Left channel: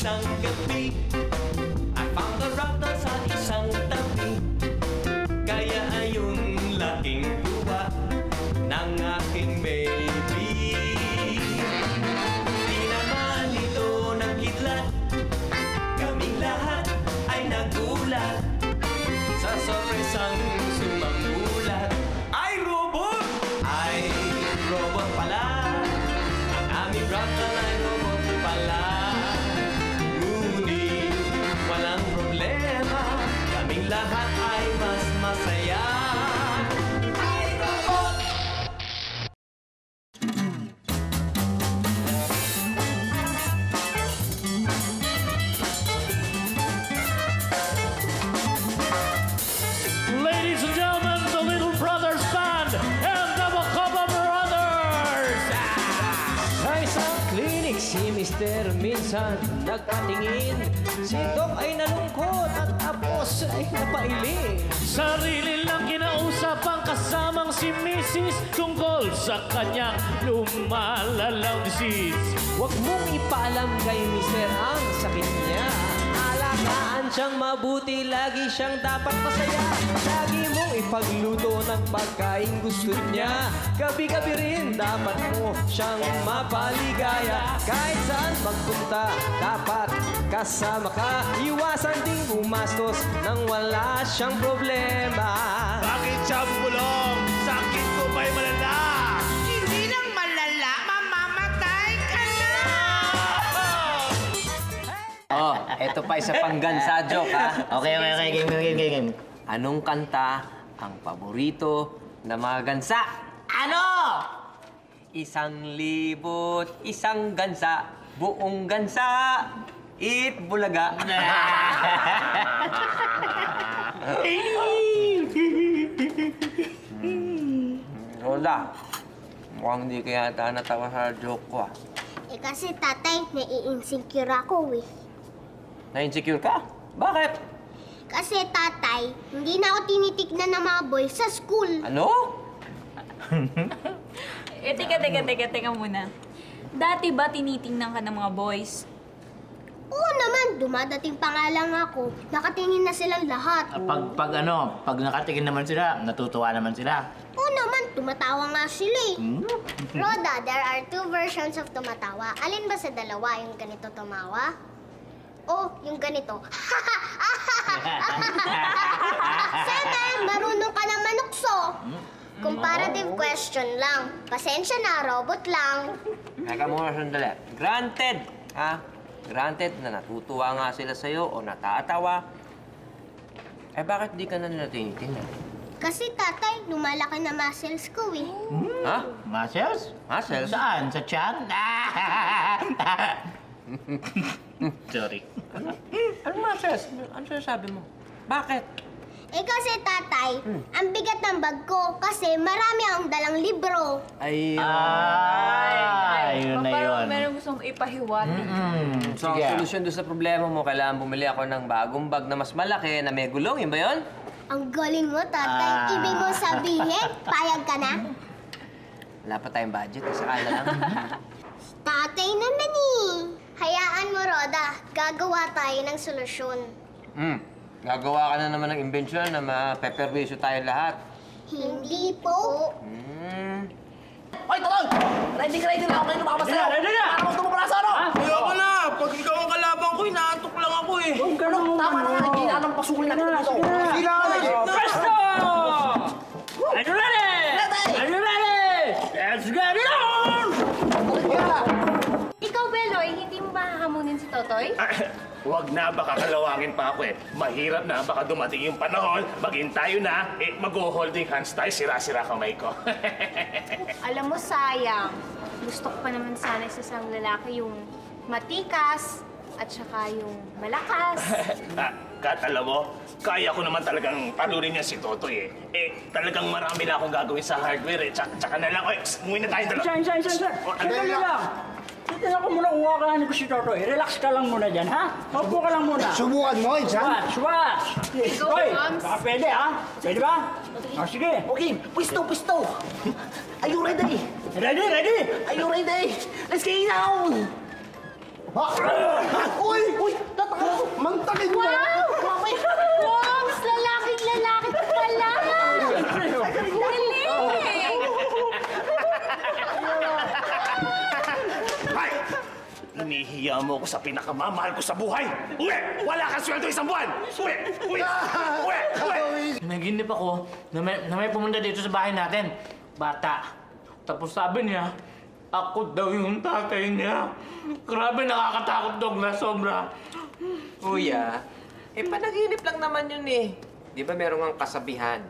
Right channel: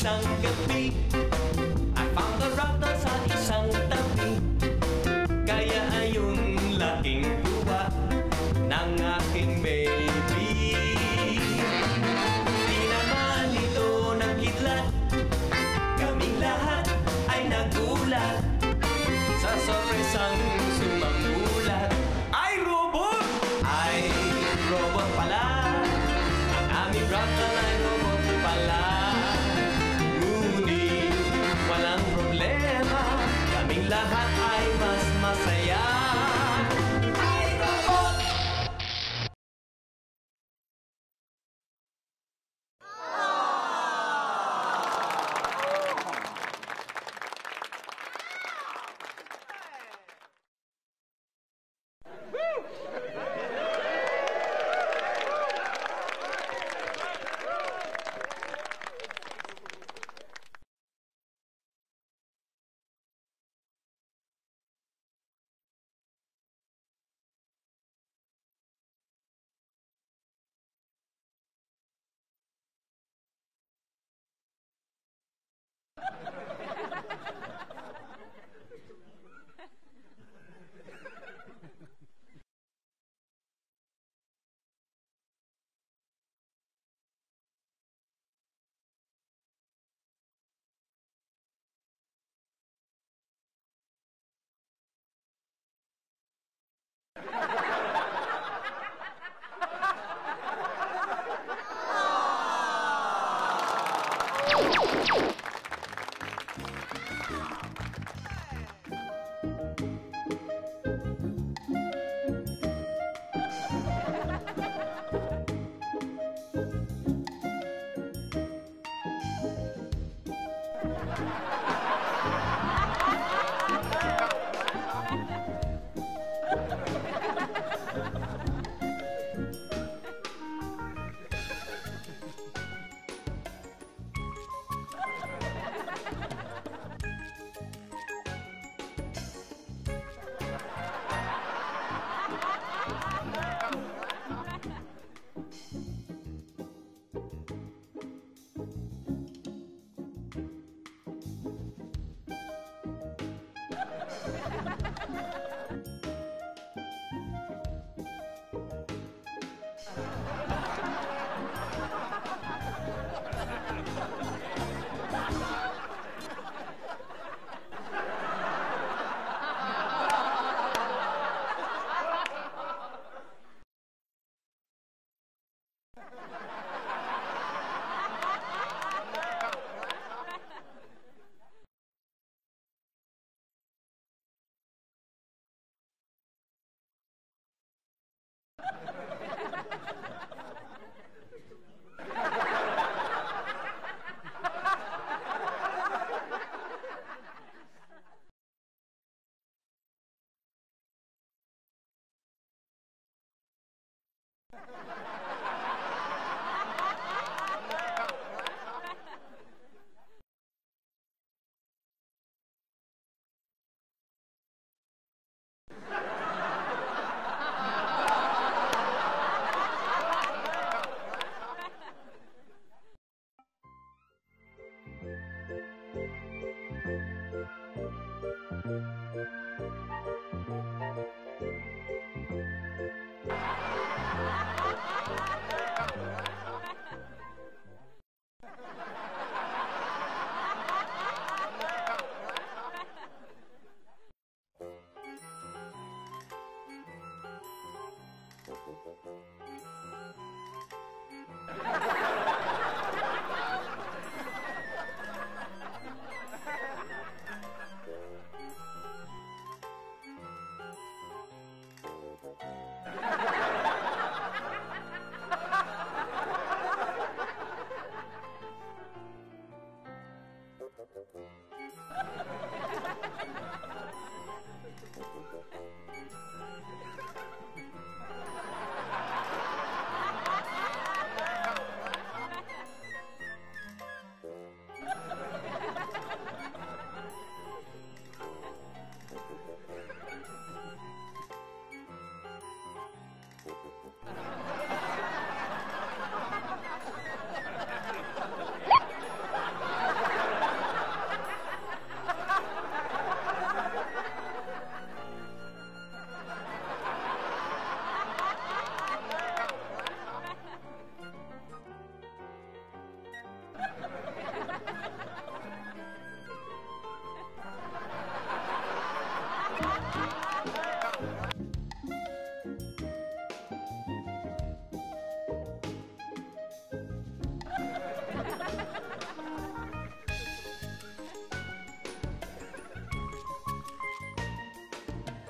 isang gabi, I found the router sa isang tabi. Kaya ayun laking luha ng aking baby. Di naman ito nagkidlat, kaming lahat ay nagulat sa sorpresang sumamulat. Ay robot! Ay robot pala, ang aming router ay robot pala. Ngunit walang problema, kaming lahat ay mas masaya. Ay robot! Ladies and gentlemen, the Little Brothers Band and the Macabre Brothers! Sa isang klinik, si Mister minsan nagpatingin. Si Doc ay nalungkot at tapos ay napailing. Sarili lang kinausap ang kasamang si Mrs. tungkol sa kanyang lumalalang disease. Huwag mong ipaalam kay Mister ang sakit niya. Alagaan siyang mabuti, lagi siyang dapat masaya. Lagi mong ipagluto ng pagkain gusto niya. Gabi-gabi rin dapat mo siyang mapaligaya. Kahit saan magpunta, dapat kasama ka. Iwasan ding gumastos nang wala siyang problema. Bakit siya bulong? Sakit mo ba'y malala? Hindi lang malala, mamamatay ka na! Oh, eto pa isa pang gansa joke, ha? Okay. Game. Anong kanta ang paborito na mga gansa? Ano? 1,000, isang gansa, buong gansa, eat bulaga. Hola, mukhang hindi kaya yata natawa sa joke ko, ah. Eh kasi tatay, nai-insecure ako eh. Na-insecure ka? Bakit? Kasi tatay, hindi na ako tinitignan ng mga boys sa school. Ano? Teka muna. Dati ba tinitingnan ka ng mga boys? Oo naman, dumadating pa nga lang ako. Nakatingin na silang lahat. Pag nakatingin naman sila, natutuwa naman sila. Oo naman, tumatawa nga sila eh. Roda, there are two versions of tumatawa. Alin ba sa dalawa? Yung ganito tumawa? O yung ganito? Sana, marunong ka na manukso. Comparative question lang. Pasensya na, robot lang. Teka muna sandali. Granted, ha? Granted na natutuwa nga sila sa'yo o natatawa. Eh, bakit di ka na nila tinitingnan? Kasi tatay, lumalaki na muscles ko eh. Ha? Muscles? Muscles? Saan? Sa tiyan? Sorry. Ano muscles? Ano sinasabi mo? Bakit? Eh kasi tatay, ang bigat ng bag ko kasi marami akong dalang libro. Ay, Yun na yun. Meron gustong ipahiwati. So, ang solusyon doon sa problema mo, kailangan bumili ako ng bagong bag na mas malaki na may gulong. Yun ba yun? Ang galing mo, tatay. Ibig mo sabihin, payag ka na? Wala pa tayong budget. Kasi kala lang. Tatay naman eh. Hayaan mo, Roda. Gagawa tayo ng solusyon. Gagawa ka na naman ng imbensyon na mapeperwisyo tayo lahat. Hindi po. Ay, tolong! Ready na ako kayo lumabas sa'yo! Ready na! Para gusto mo pala sa ano? Kaya ko na! Pag ikaw ang kalaban ko, inaantok lang ako eh! Tama na! Hindi na anong pasukin natin dito! Sila! Presto! Are you ready? Are you ready? Let's get it on! Ikaw, Beloy, hindi mo makakamunin si Totoy? Huwag na, baka kalawangin pa ako eh. Mahirap na, baka dumating yung panahon, maging tayo na, mag-holding hands tayo, sira-sira kamay ko. Alam mo, sayang. Gusto ko pa naman sana sa isang lalaki yung matikas at saka yung malakas. Katala mo, kaya ko naman talagang talunin niya si Totoy eh. Talagang marami na akong gagawin sa hardware eh. Tsaka na lang, umuwi na tayo dalawa. Sandali lang. Tingnan ko muna kung kakahanin ko si Totoy. Relax ka lang muna dyan, ha? Opo ka lang muna. Subukan mo, Insan! Swatch! Hoy, baka pwede, ha? Pwede ba? O, sige. Okay, pwisto! Are you ready? Ready? Are you ready? Let's get it now! Uy! Mantagin mo! Wow! Wow! Mas lalaki pala! Dali! Hay! Hinihiya mo ako sa pinakamamahal ko sa buhay! Uwi! Wala kang sweldo isang buwan! Uwi! Uwi! Uwi! Uwi! Naginip ako na may pumunta dito sa bahay natin. Bata. Tapos sabi niya, ako daw yung tatay niya. Grabe, nakakatakot, Douglas, sobra. Kuya, panaginip lang naman yun eh. Di ba meron ang kasabihan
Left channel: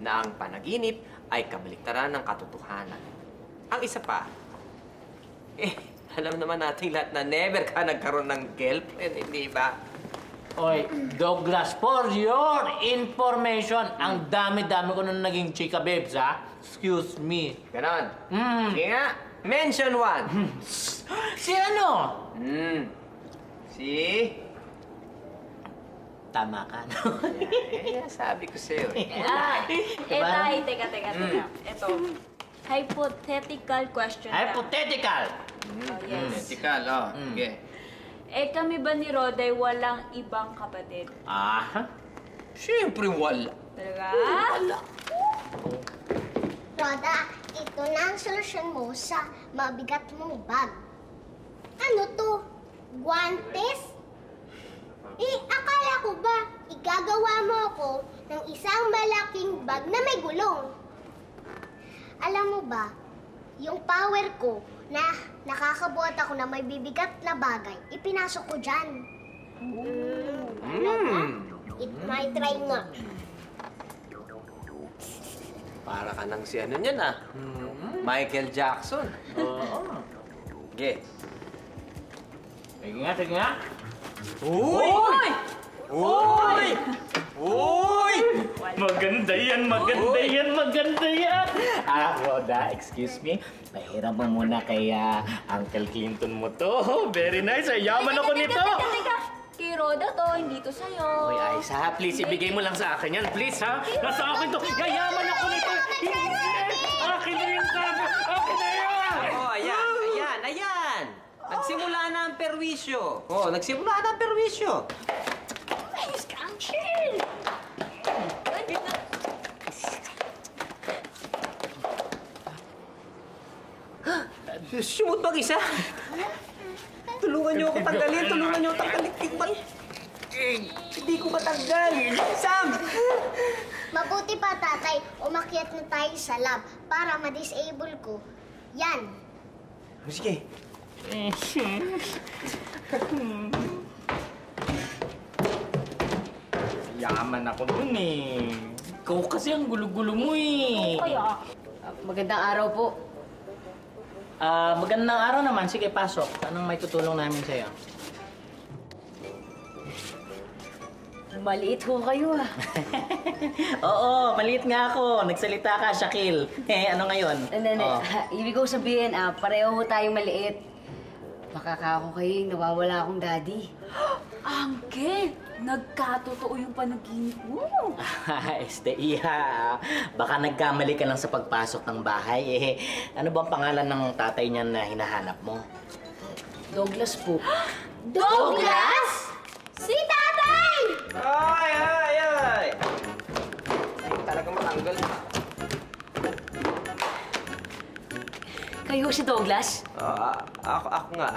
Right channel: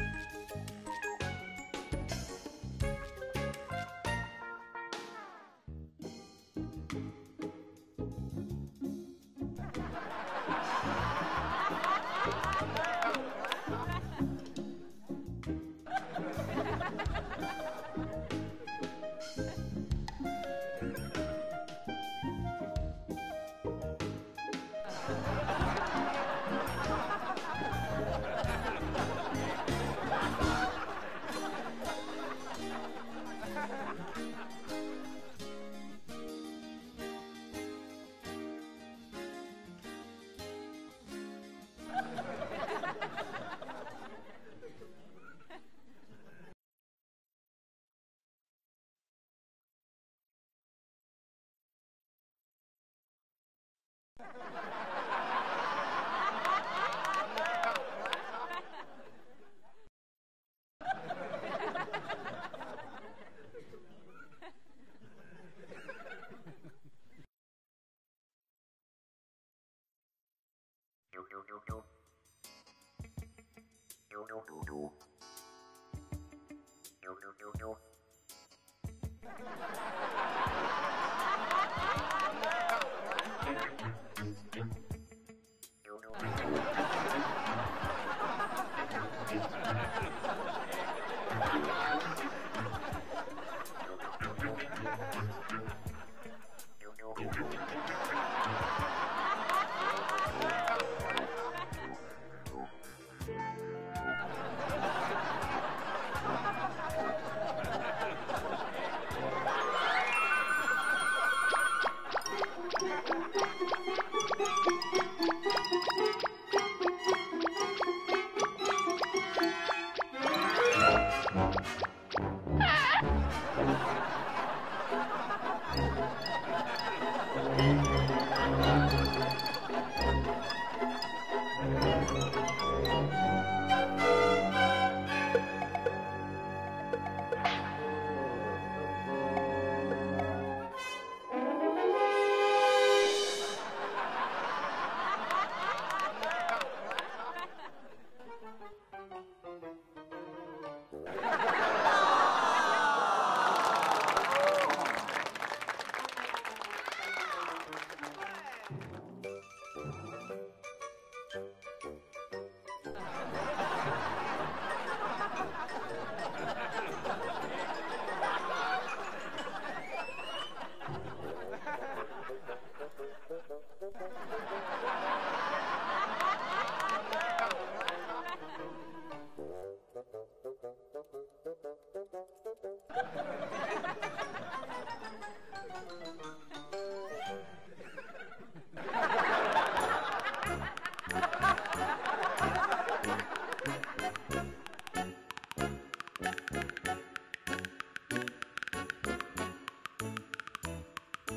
na ang panaginip ay kabaliktaran ng katotohanan. Ang isa pa, alam naman nating lahat na never ka nagkaroon ng girlfriend, hindi ba? Oy, Douglas, for your information, ang dami-dami ko nung naging chika, babes, ha? Excuse me. Ganon. Sige nga, mention one. Si ano? Si? Tama ka. Sabi ko sa'yo. Tay, teka. Ito. Hypothetical question. Hypothetical. Yes. Ethical, oh. Okay. Kami ba ni Roday walang ibang kapatid? Siyempre wala. Talaga? Roda, ito na ang solusyon mo sa mabigat mong bag. Ano to? Guantes? Akala ko ba igagawa mo ako ng isang malaking bag na may gulong? Alam mo ba, yung power ko na nakakabuhat ako na may bibigat na bagay, ipinasok ko dyan. It might try nga. Para ka nang si ano niyan, Michael Jackson. Yes. Sige nga. Uy! Uy! Uy! Maganda yan. Roda, excuse me. Pahiram mo muna kay Uncle Clinton mo to. Very nice. Yaman ako nito. Teka. Kay Roda to, hindi to sa'yo. Uy, Ayos ha. Please, ibigay mo lang sa akin yan. Please ha. Nasa akin to. Yayaman ako nito. Akin na yung tago. Akin na yan. Oh, ayan. Nagsimula na ang perwisyo. Nagsimula na ang perwisyo. Sumot mag-isa. Tulungan niyo akong tanggalin. Tikman. Hindi ko matanggal. Sam! Mabuti pa, tatay, umakyat na tayo sa lab para ma-disable ko. Yan. Sige. Yaman ako dun eh. Ikaw kasi ang gulo-gulo mo eh. Magandang araw po. Magandang araw naman. Sige, pasok. Anong may tutulong namin sa'yo? Maliit ho kayo Oo, maliit nga ako. Nagsalita ka, Shaquille. Ano ngayon? Ibig ko sabihin, pareho ho tayong maliit. Makaka ako kayo yung nawawala akong daddy. Angge, nagkatotoo yung panaginip mo. Iha, baka nagkamali ka lang sa pagpasok ng bahay. Ano bang pangalan ng tatay niyan na hinahanap mo? Douglas po. Douglas? Si tatay! Ay! Talagang matanggal. Kayo si Douglas? Ako nga.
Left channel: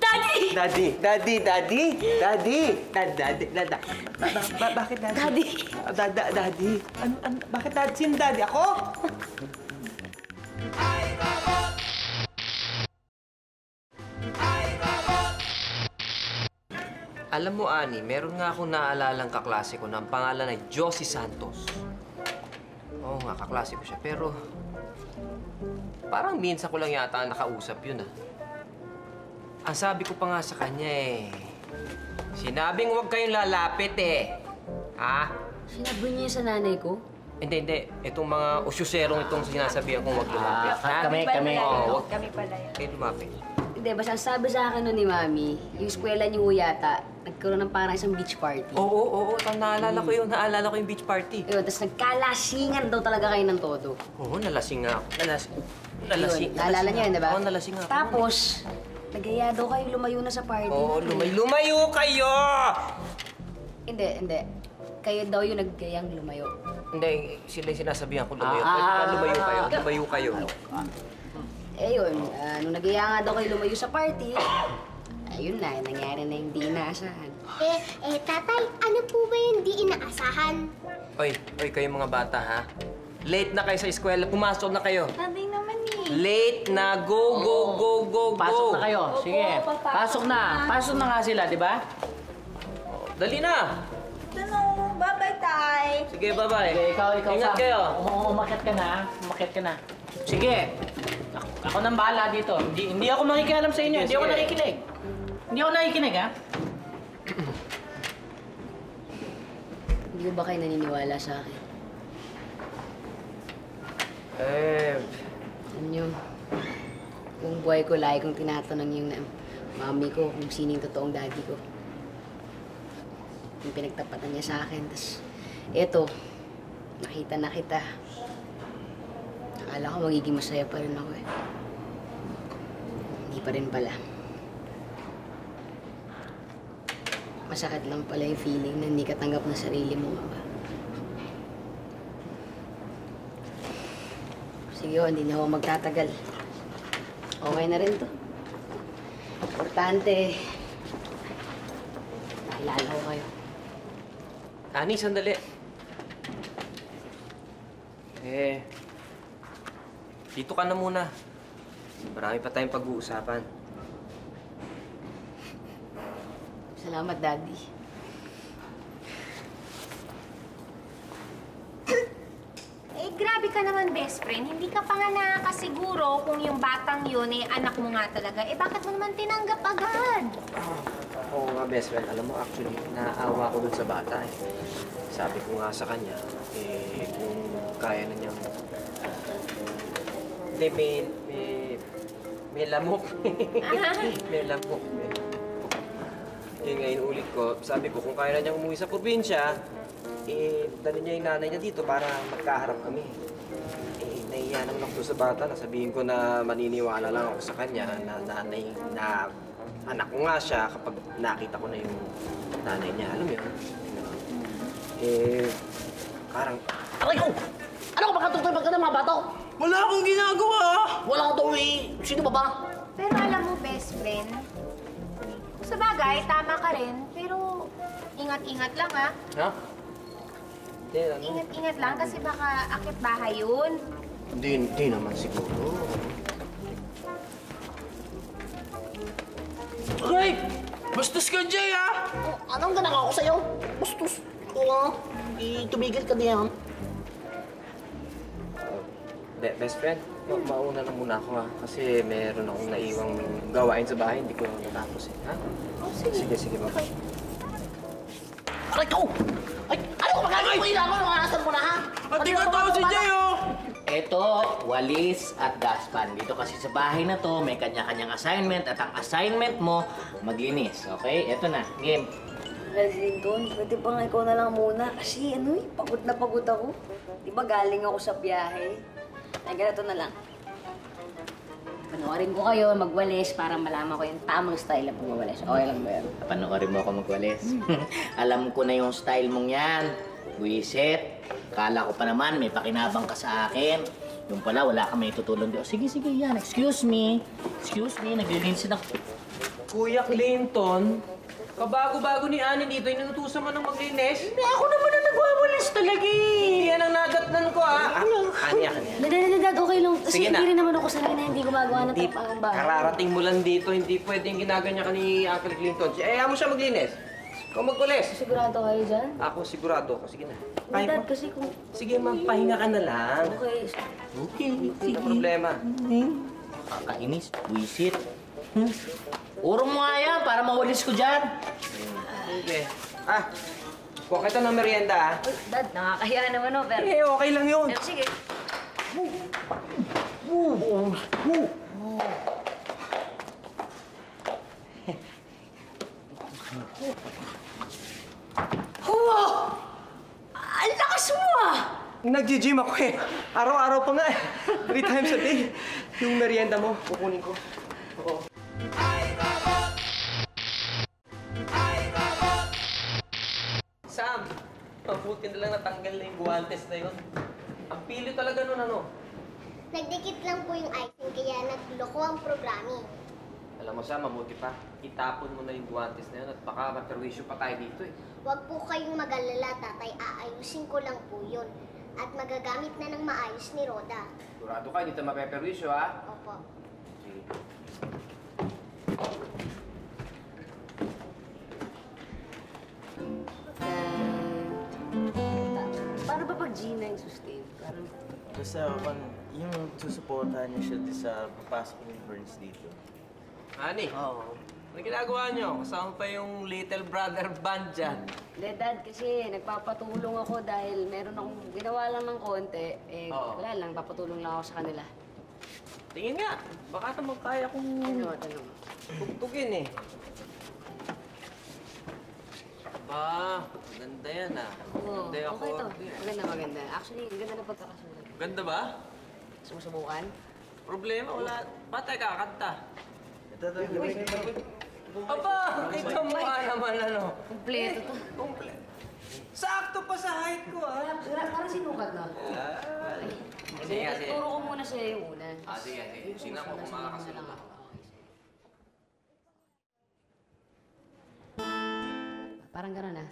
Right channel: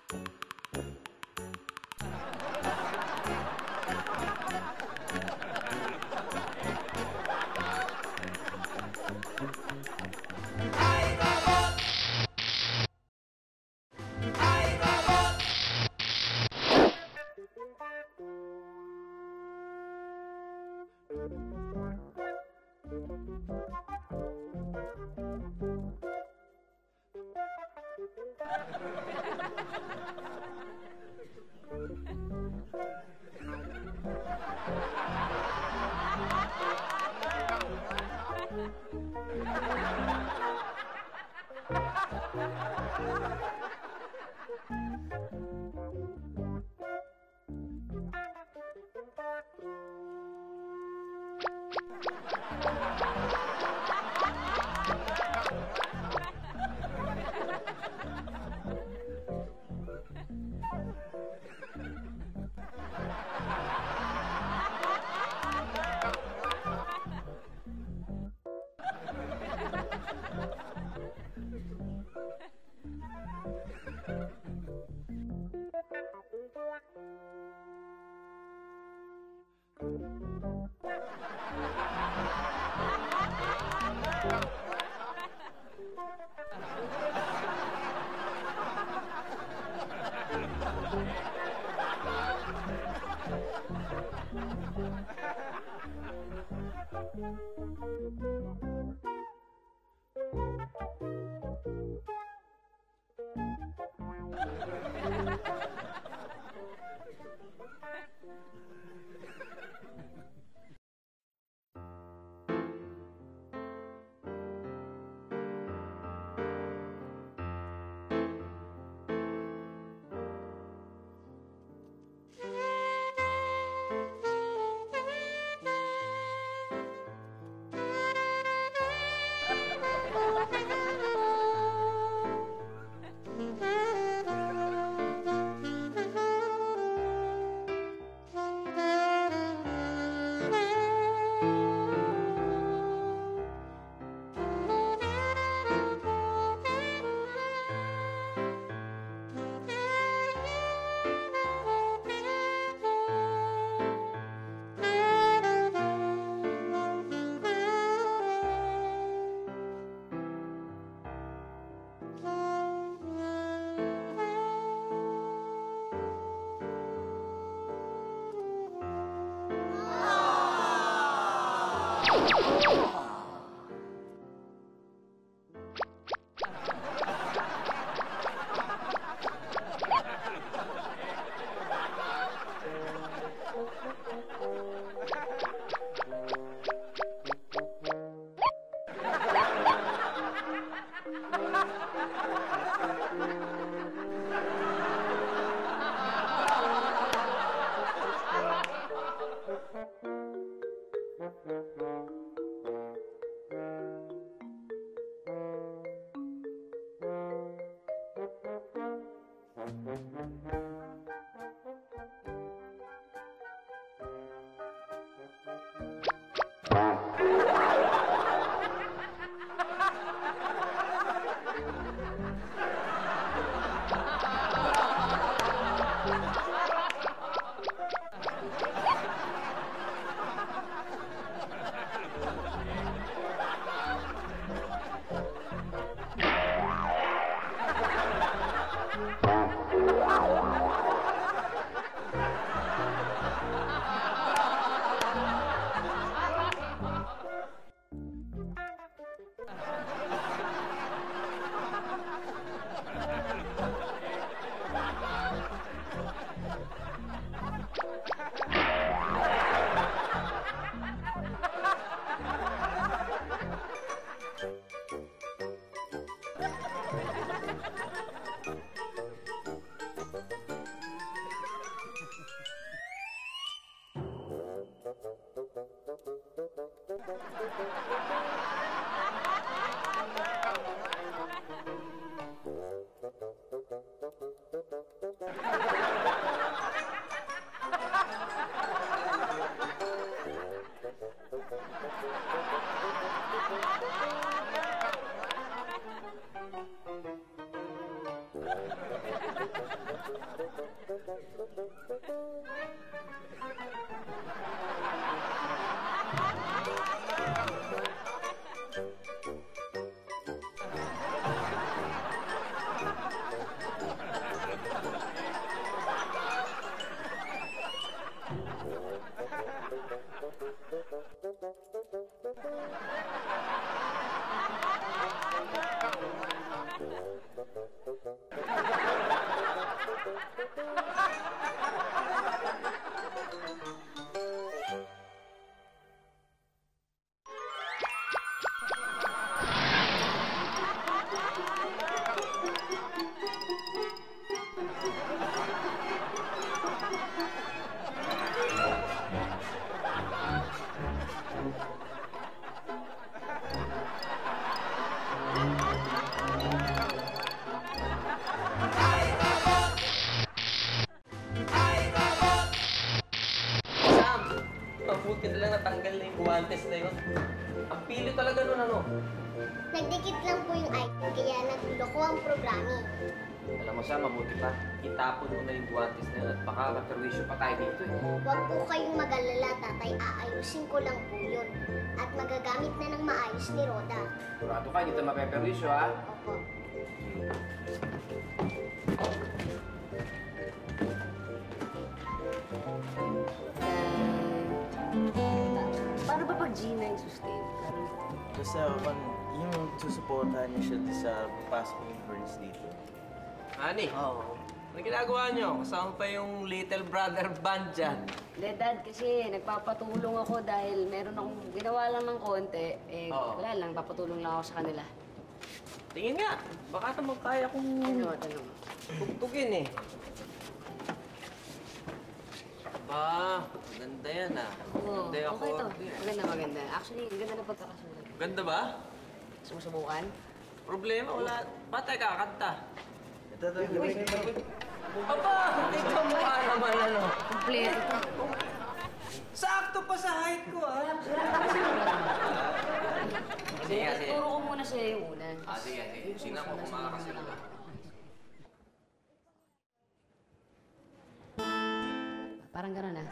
Daddy! Daddy! Bakit daddy? Daddy! Daddy? Bakit daddy? Sino daddy? Ako? Alam mo, Ani, meron nga akong naalalang kaklase ko na ang pangalan ay Josie Santos. Oo nga, kaklase ko siya. Pero parang minsan ko lang yata nakausap yun, Ang sabi ko pa nga sa kanya sinabing huwag kayong lalapit Sinabi niya sa nanay ko? Hindi. Itong mga usyuserong itong sinasabihan ko huwag lumapit. Kami. Oo, Kami pala. Kayo lumapit. Hindi, basta sabi sa akin nun ni Mami, yung eskwela niyo yata, nagkaroon ng parang isang beach party. Oo. Naalala ko yun. Naalala ko yung beach party. Yun, tapos nagkalasingan daw talaga kayo ng todo. Oo, nalasing nga ako. Nalasing. Naalala niyo yun, di ba? Oo, nalasing nga. Tapos, Nagaya daw kayo lumayo na sa party. Oo, lumayo kayo! Hindi. Kayo daw yung nagkayang lumayo. Hindi, sila yung sinasabihan ko lumayo. Lumayo kayo. Eh yun, nung nagaya nga daw kayo lumayo sa party, ayun na, nangyari na yung di inaasahan. Tatay, ano po ba yung di inaasahan? Oy, kayong mga bata, ha? Late na kayo sa eskwela. Pumasok na kayo. Tatay naman eh. Late na. Go! Pasok na kayo. Sige. Pasok na. Pasok na nga sila, di ba? Dali na! Ano? Bye-bye, Tay. Sige, bye-bye. Sige, ikaw. Ingat kayo. Umakit ka na. Sige. Ako nang bahala dito. Hindi ako makikialam sa inyo. Hindi ako nakikinig, ha? Hindi ko ba kayo naniniwala sa akin? Alam niyo, kung buhay ko, lagi kong tinatanong yung mami ko kung sino yung totoong daddy ko. Yung pinagtapatan niya sa akin. Tapos, eto, nakita na kita. Akala ko magiging masaya pa yun ako. Hindi pa rin pala. Masakit lang pala yung feeling na hindi ka tanggap ng sarili mo. Sige, hindi na ako magtatagal. Okay na rin to. Importante, naalala ko kayo. Ani, sandali. Sige. Dito ka na muna. Marami pa tayong pag-uusapan. Salamat, Daddy. Eh, grabe ka naman, best friend. Hindi ka pa nga nakakasiguro kung yung batang yun eh anak mo nga talaga. Eh, bakit mo man tinanggap agad? Oo nga, best friend. Alam mo, actually, naawa ko dun sa bata eh. Sabi ko nga sa kanya, kung kaya na niyang... Hindi, may lamok. May lamok. Ngayon ulit ko, sabi ko, kung kaya na niyang umuwi sa probinsya, dali niya yung nanay niya dito para magkaharap kami. Nahiya naman ako sa bata na sabihin ko na maniniwala lang ako sa kanya na nanay na anak ko nga siya kapag nakita ko na yung nanay niya. Alam mo yun? Parang... Aray ko! Ano ka makatutulog ka ng mga bato? Wala akong ginagawa! Wala akong tuwi. Sino ba ba? Pero alam mo, best friend, sa bagay, tama ka rin. Pero ingat-ingat lang, ha? Ha? Ingat-ingat lang kasi baka akit bahay yun. Hindi naman siguro. Ay! Bastos ka, Jay, ha? Atang ka na ako sa'yo. Bastos. Tumigil ka na yan. Best friend, mauna na muna ako kasi meron akong naiwang gawain sa bahay, hindi ko matapos. Sige, baba. Aray ko! Ay, ano ka magagawin mo yun ako? Nakasal mo na, ha? Hindi ka tao si Jay, oh! Ito, walis at dustpan. Dito kasi sa bahay na to, may kanya-kanyang assignment at ang assignment mo, maglinis. Okay? Ito na, game. Linton, pwede ba nga ikaw na lang muna? Kasi pagod na pagod ako. Di ba galing ako sa biyahe? Ay, ganito na lang. Panoorin ko kayo magwalis para malaman ko yung tamang style ng pagwalis. Okay lang ba? Panoorin mo ako magwalis. Alam ko na yung style mong yan. Wisit. Kala ko pa naman may pakinabang ka sa akin. Yung pala, wala ka may tutulong doon. Sige, yan. Excuse me, naglilinis ako. Kuya Clinton, kabago-bago ni Ani dito, inutusan mo nang maglinis? Hindi, ako naman na nagwawalis talaga eh. Yan ang nadatnan ko, ha? Ani. Dad, okay lang. Kasi Sige na. hindi rin naman ako sanay na hindi gumagawa ng pang bahay. Kararating mo lang dito, hindi pwedeng ginaganya ka ni Uncle Clinton. Ayaw mo siya maglinis. Ikaw magkulis. Sigurado kayo dyan? Ako sigurado ako. Sige na. Pahinga Dad, mo. kasi kung... Sige, magpahinga ka na lang. Okay. Hindi problema. Kakainis, wisit. Puro mo nga yan para mawalis ko dyan. Okay. Kuha kita ng merienda, ha? Dad, nakakahiya naman pero... Okay lang yun. Sige. Ang lakas mo ah! Nag-gym ako eh. Araw-araw pa nga eh. 3 times a day. Yung merienda mo, kukunin ko. Ay, style na yung guwantes na yun. Ang pili talaga nun, ano? Nagdikit lang po yung item, kaya nagloko ang programming. Alam mo siya, mabuti pa. Itapon mo na yung guwantes na yun at baka maperwisyo pa tayo dito eh. Huwag po kayong mag-alala, tatay. Aayusin ko lang po yun. At magagamit na ng maayos ni Roda. Sigurado ka, hindi tayo mapeperwisyo ha? Opo. Paano ba pag Gina yung sustain? Basta, yung susuportahan niya siya sa papasok yung Burns dito. Ani? Oo. Ano ginagawa niyo? Kasama pa yung little brother band dyan. Hindi, Dad, kasi nagpapatulong ako dahil meron akong ginawa lang ng konti. Wala lang, papatulong lang ako sa kanila. Tingin nga, baka naman kaya kong Tanong. tugtugin eh. Ba, ganda yan ah. Oo, Ganda yung okay to. accord. Maganda, maganda. Actually, ang ganda na pagkakasulat. Ganda ba? Sumusubukan? Problema, wala. Patay kakanta. Ito, Aba, ikaw mukha naman ano. Kompleto to. Sakto pa sa height ko ah. Para sinulat mo. Sige, sige. Turo ko muna sa'yo yung una. Sige, sige. Sino ko kung makakasunod. Parang gano'n ah.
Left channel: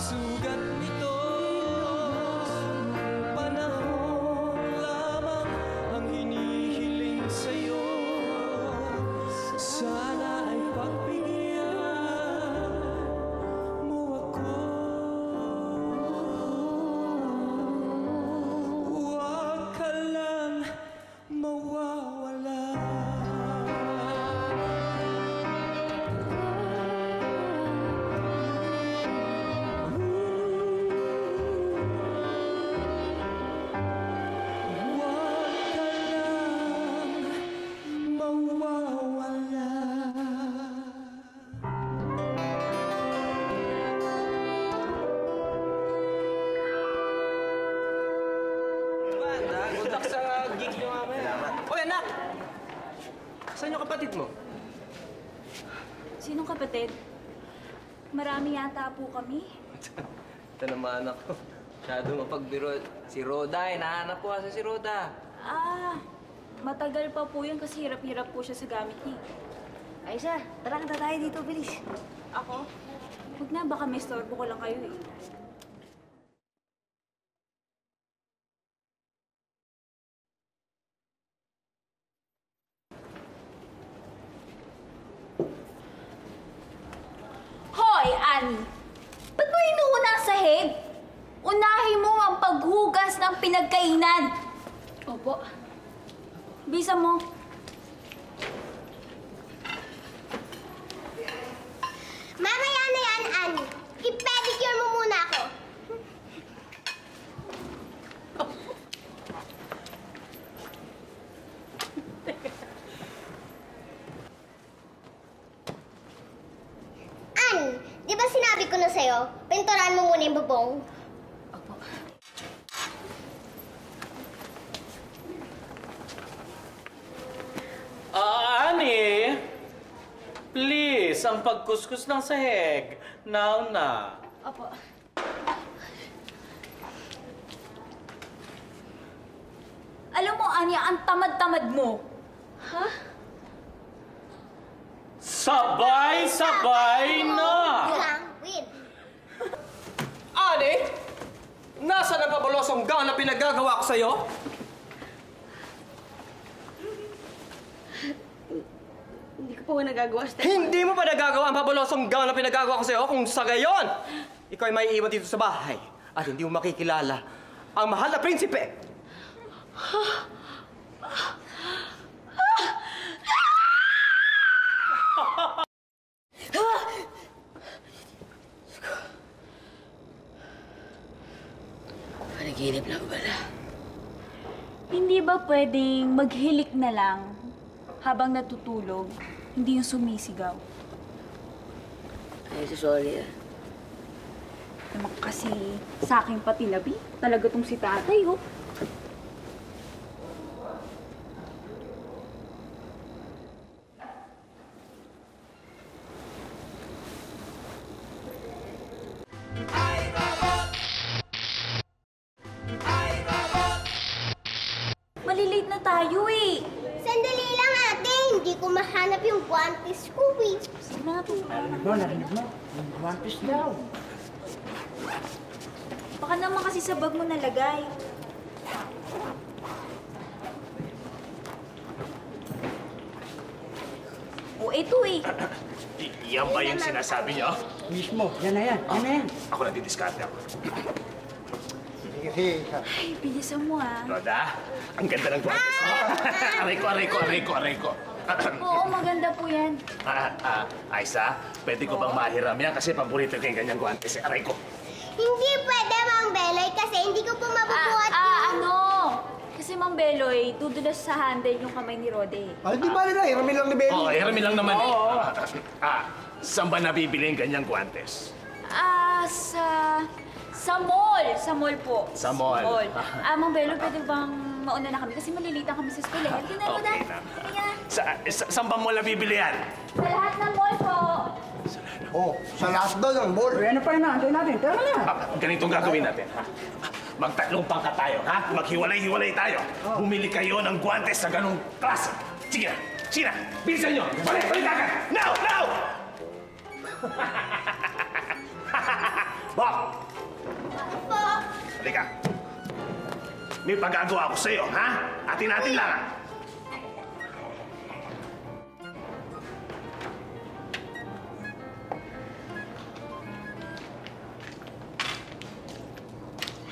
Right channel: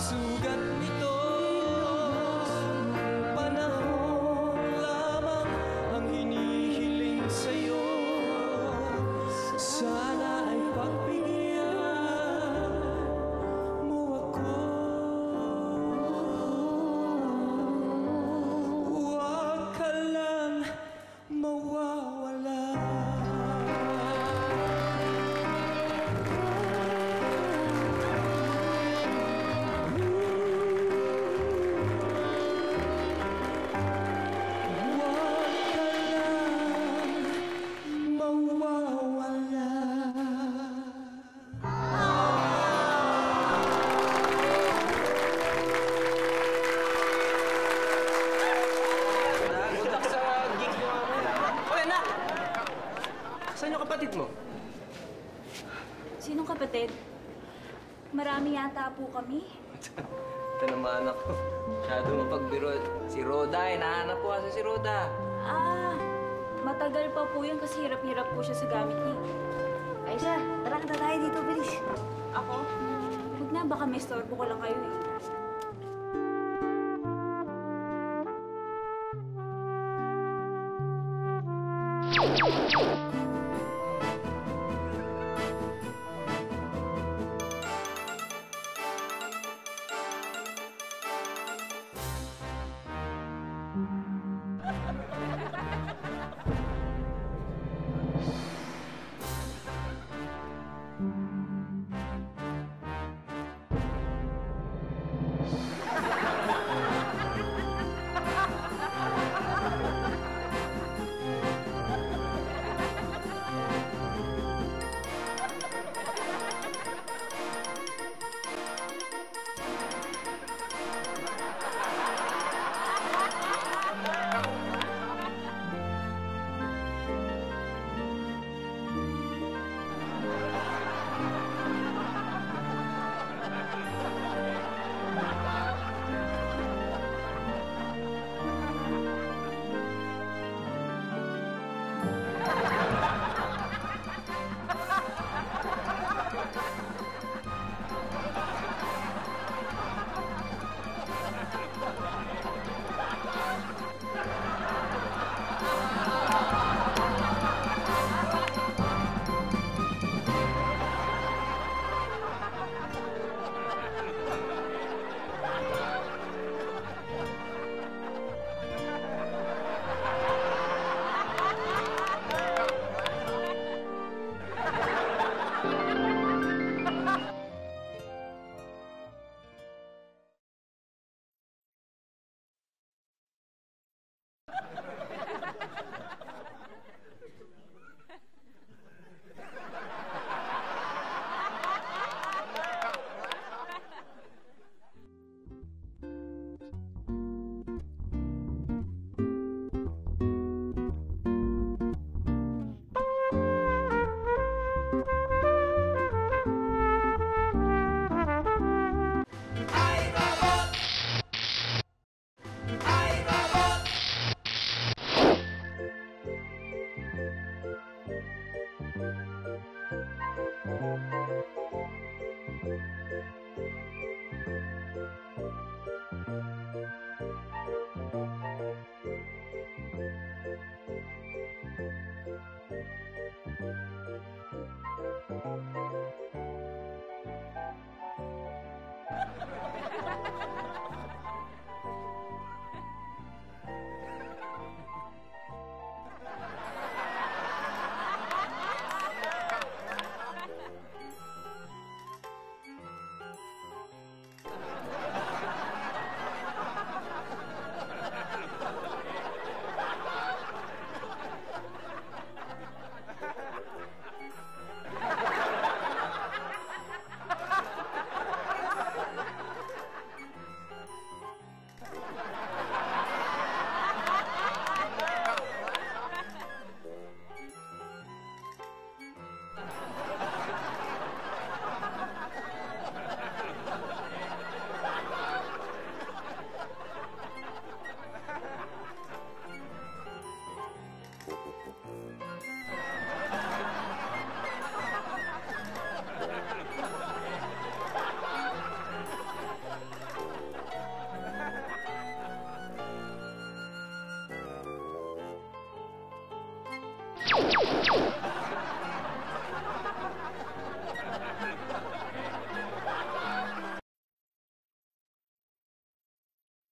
Sugat nito kapatid mo? Sinong kapatid? Marami yata po kami. Ito naman ako. Masyado mapagbiro. Si Roda, hinahanap ko kasi si Roda. Ah, matagal pa po yan kasi hirap-hirap po siya sa gamit niya. Aisa, tara kanta tayo dito, bilis. Ako? Huwag na, baka may storbo ko lang kayo eh. Hoy, Ann! Ba't mo inuuna ang sahig? Unahin mo ang paghugas ng pinagkainan. Opo. Bisa mo. Mamaya na yan, Ann. I-pedicure mo muna ako. Ann, di ba sinabi ko na sa'yo, pinturan mo muna yung bubong? Ani, please, ang pagkuskus ng sahig. Now na. Alam mo, Anya, ang tamad-tamad mo. Sabay-sabay na! Ani! Nasa na pabalosong gown na pinagagawa ko sa'yo? Hindi mo pa nagagawa ang pabalosong gown na pinagagawa ko sa'yo kung sa gayon ikaw ay may iwan dito sa bahay at hindi mo makikilala ang mahal na prinsipe. Panaginip lang pala. Hindi ba pwedeng maghilik na lang habang natutulog, hindi yung sumisigaw? Ay, sorry ah. Naman kasi sa akin pati labi, talaga tong si tatay, oh. Malilate na tayo, eh. Sandali lang, ate. Hindi ko mahanap yung guantes ko, eh. Baka naman kasi sa bag mo nalagay. O, eto eh. Yan ba yung sinasabi niyo? Mismo, yan na yan. Yan na yan. Ako nagdidiskarte. Ay, bilisan mo ah. Roda, ang ganda ng guantes mo. Aray ko. Oo, maganda po yan. Aisa, pwede ko bang mahiram yan kasi paborito ko yung ganyang guantes. Aray ko. Hindi pwede, Mang Beloy, kasi hindi ko po mabubuhat Ano? Kasi Mang Beloy, tudulas sa handle yung kamay ni Rode. Ay, di ba nila? Hiramin lang ni Benny. Oo, hiramin lang naman eh. Saan ba nabibili yung ganyang guantes? Sa mall. Sa mall po. Sa mall. Mang Beloy, pwede bang mauna na kami? Kasi nililita kami sa school eh. Hindi na, Okay na. Saan ba mo nabibili yan? Sa lahat ng mall po. Oh, sa lahat daw ng ball. Ano pa yun natin natin? Tara na. Ganitong gagawin natin. Magtatlong pangkat tayo, ha? Maghiwalay-hiwalay tayo. Bumili kayo ng guantes sa ganong klase. Sige, Sheila, bilisan nyo. Balik agad. Now! Bob! Halika. May pagagawa ko sa'yo, ha? Atin-atin lang.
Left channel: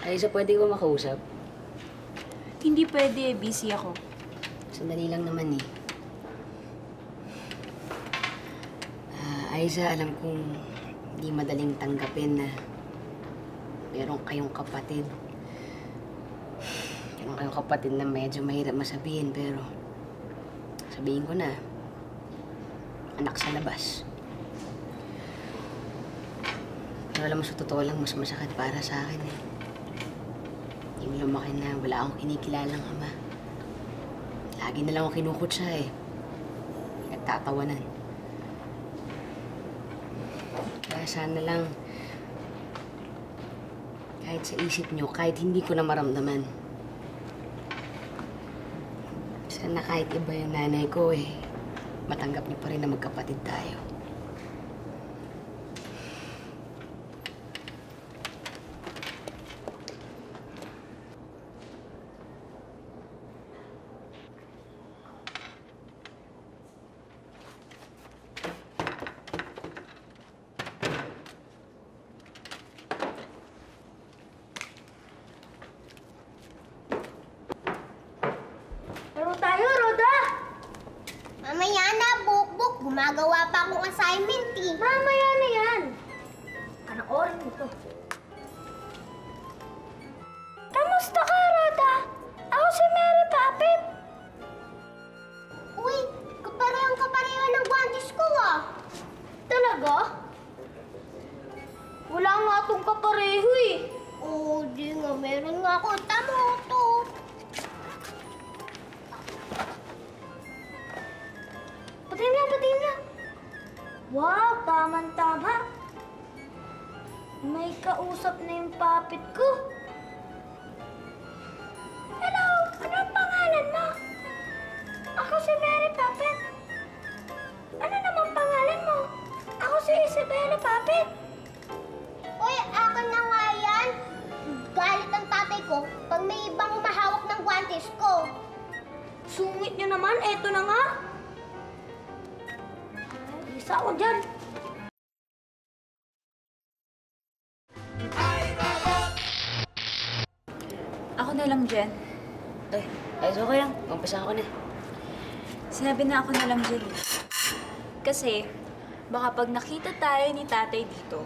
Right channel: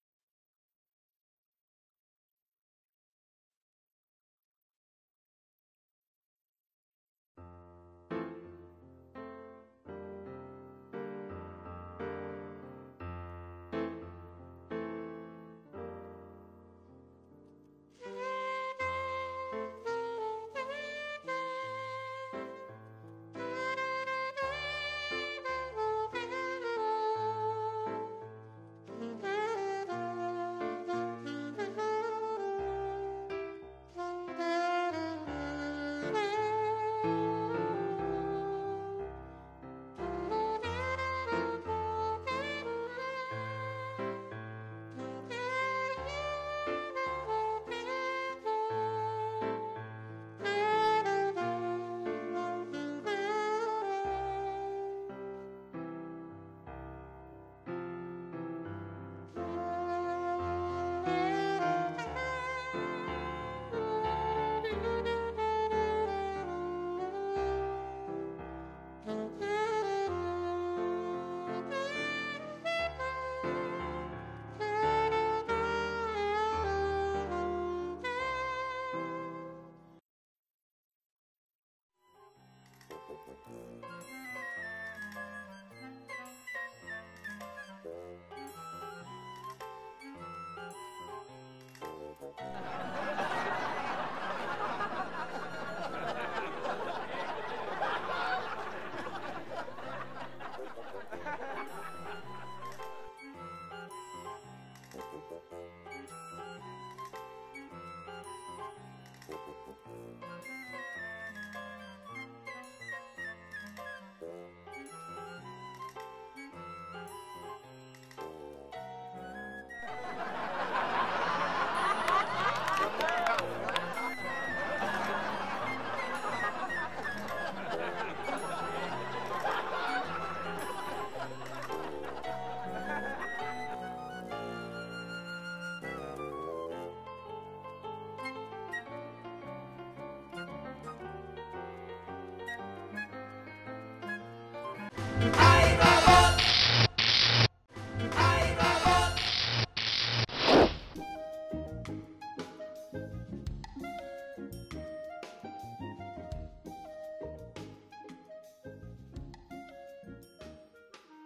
Aisa, pwede ko makausap? Hindi pwede, busy ako. Sandali lang naman eh. Aisa, alam kong hindi madaling tanggapin na meron kayong kapatid. Meron kayong kapatid na medyo mahirap masabihin, pero sabihin ko na, anak sa labas. Pero alam mo, sa totoo lang, mas masakit para sa akin eh. Yung lumaki na wala akong kinikilalang ama. Lagi na lang ako kinukutsa eh. pinagtatawanan. Kaya sana lang, kahit sa isip nyo, kahit hindi ko na maramdaman, sana kahit iba yung nanay ko matanggap niyo pa rin na magkapatid tayo. Mamaya na, Bukbuk. Gumagawa pa akong assignment, Mamaya na yan. Anong oras nito? Kamusta ka, Roda? Ako si Mary Poppins. Uy, parehong kapareho ng guantes ko, Talaga? Wala nga itong kapareho Oo, di nga. Meron nga ako. Tamo to. Pati na. Wow, tamang-tama. May kausap na yung puppet ko. Hello, anong pangalan mo? Ako si Mary Poppins. Ano naman pangalan mo? Ako si Mary Poppins. Uy, akin na nga yan. Galit ang tatay ko pag may ibang mahawak ng guantes ko. Sungit nyo naman, eto na nga. Isa ako dyan. Ako na lang, Jen. Ay, okay lang. Umpisa ako na. Sinabi na ako na lang, Jen. Kasi, baka pag nakita tayo ni tatay dito,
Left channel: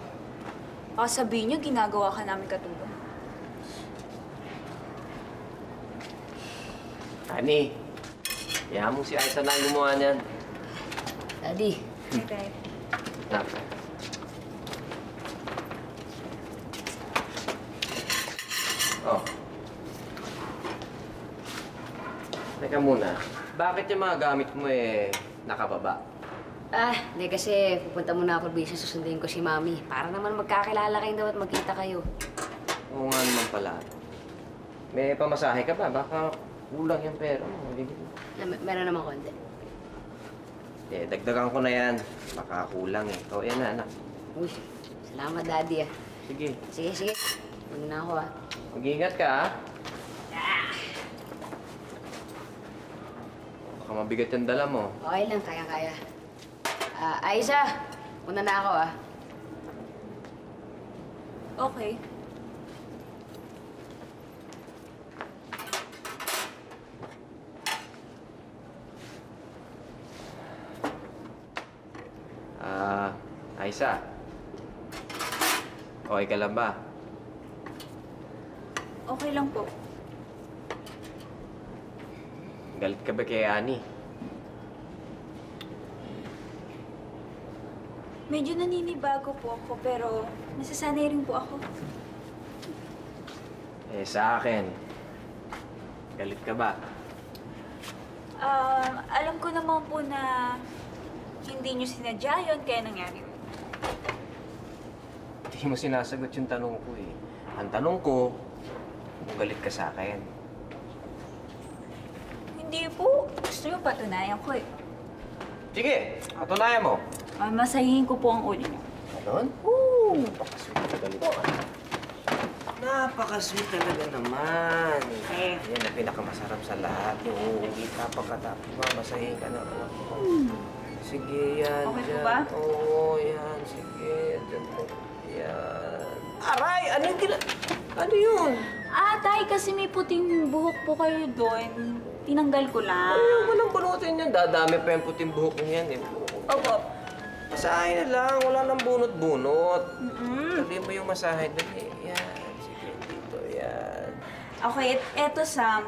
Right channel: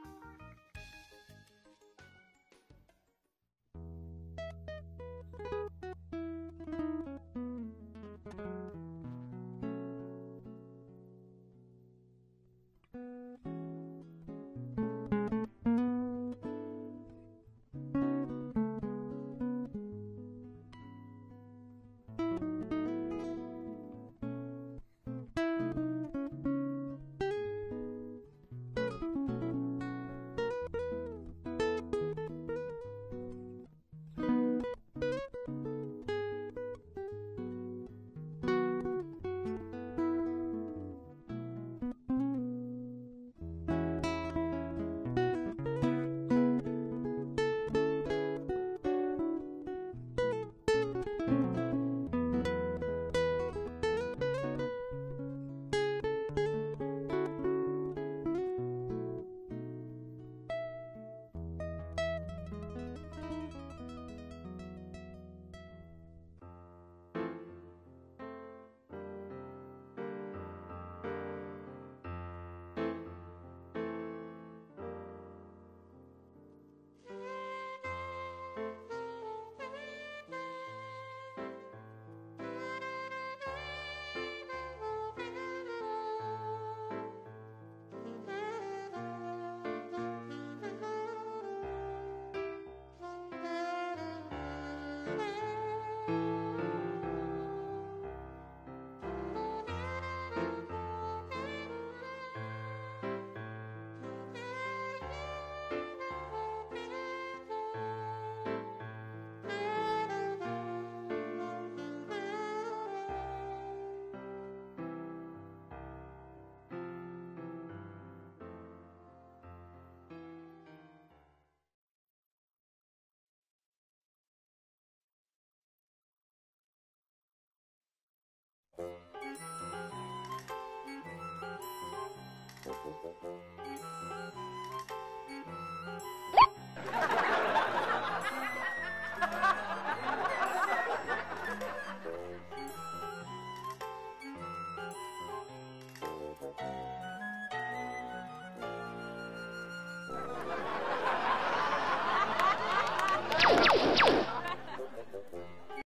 baka sabihin niyo ginagawa ka namin katulong. Ani, kaya mo si Aiza na ang gumawa niyan. Daddy. Okay. Nak. Oh. Teka muna, bakit yung mga gamit mo nakababa? Hindi kasi pupunta muna ako sa susundin ko si Mami. Para naman magkakilala kayo daw at magkita kayo. Oo nga naman pala. May pamasahe ka ba? Baka kulang yung pera mo. Meron naman konti. Dagdagan ko na yan. Baka kulang O, yan na, anak. Uy, salamat, Daddy. Sige. Sige. Muna ako, Mag-ingat ka, Baka mabigat yung dala mo. Okay lang, kaya-kaya. Aiza, muna na ako, Okay. Aiza. Okay ka lang ba? Okay lang po. Galit ka ba kay Ani? Medyo naninibago po ako, pero nasasanay rin po ako. Sa akin, galit ka ba? Alam ko naman po na hindi niyo sinadya yun, kaya nangyari. Hindi mo sinasagot yung tanong ko Ang tanong ko, kung galit ka sa akin. Hindi po. Gusto niyo patunayan ko Sige, patunayan mo. Masahihin ko po ang ulo niyo. Ganon? Oo! Napakasweet talaga nito. Napakasweet talaga naman. Yan ang pinakamasarap sa lahat. Yung uuwi ka pagkatapos mamasahin ka na. Sige, yan. Okay po yan. ba? Oo, yan. Sige. Yan. Aray! Ano yung Ano yun? Tay, kasi may puting buhok po kayo doon. Tinanggal ko lang. Ay, walang bunutin yan. Dadami pa yung puting buhok mo yan Opo. Masahin na lang. Wala nang bunot-bunot. Hindi pa yung masahin. Okay, eto Sam,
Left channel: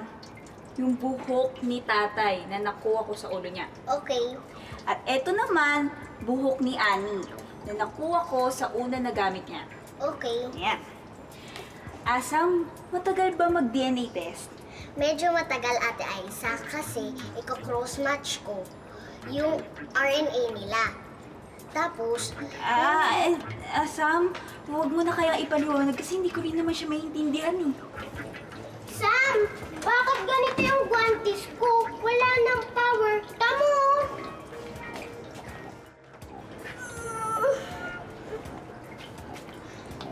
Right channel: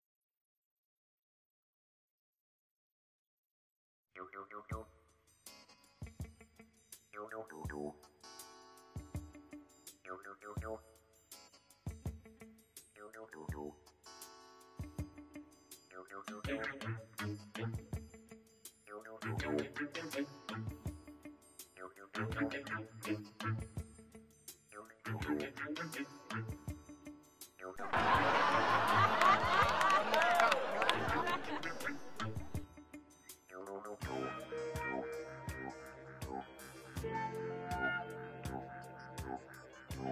yung buhok ni tatay na nakuha ko sa ulo niya. Okay. At eto naman, buhok ni Annie na nakuha ko sa una na gamit niya. Okay. Yan. Sam, matagal ba mag-DNA test? Medyo matagal, Ate Aiza, kasi iko-cross match ko yung RNA nila. Tapos, Sam, huwag mo na kayang ipaliwanag kasi hindi ko rin naman siya maintindihan eh. Sam, bakit ganito yung guantes ko? Wala nang power. Tamo!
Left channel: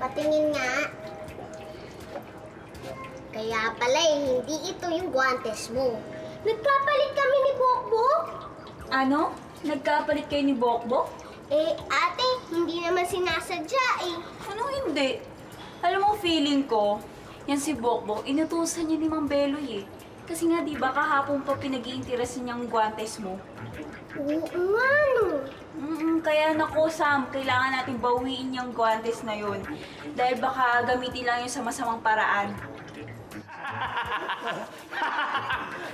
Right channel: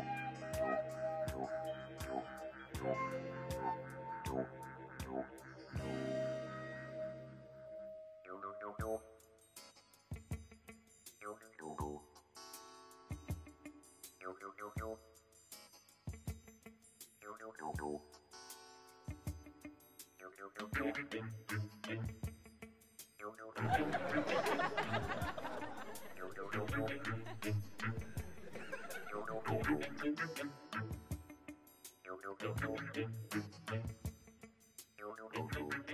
Patingin nga. Kaya pala hindi ito yung guantes mo. Nagpapalit kami ni Bokbok. Ano? Nagkapalit kayo ni Bokbok? Ate, hindi naman sinasadya eh. Ano hindi? Alam mo, feeling ko, yan si Bokbok, inutusan niya ni Mang Beloy eh. Kasi nga, di ba, kahapon pa pinag-iinteresan niyang guantes mo? Oo nga, no. Kaya naku, Sam, kailangan natin bawiin yung guantes na yun. Dahil baka gamitin lang yun sa masamang paraan.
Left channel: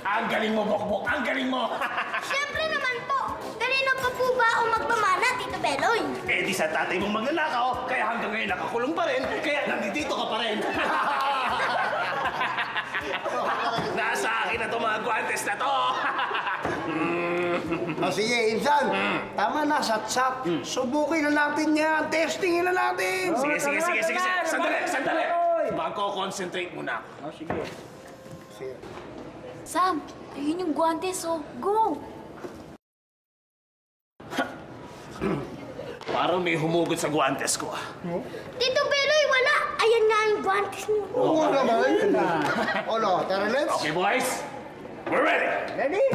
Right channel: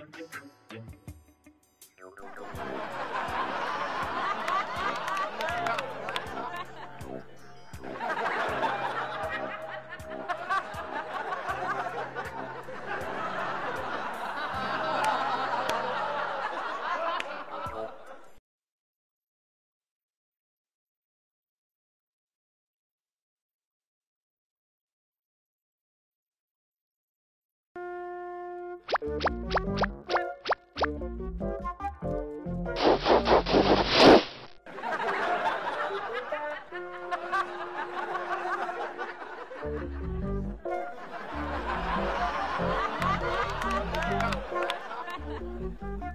Ang galing mo, Bokbok! Ang galing mo! Siyempre naman po. Kanino pa po ba ako magpamana, Tito Beloy? Eh, di sa tatay mong magnanakaw, kaya hanggang ngayon napakulong pa rin, kaya nandito ka pa rin. Nasa akin na itong mga guantes na to! Sige, Insan. Tama na, satsap. Subukin na natin yan. Testingin na natin. Sige. Sandali. Magko-concentrate muna ako. Sige. Sam, ayun yung guantes, oh. Go! Parang may humugot sa guantes ko. Tito Beloy, wala. Ayan nga yung guantes mo. Oo naman. Ano, tara, let's. Okay, boys. We're ready. Ready?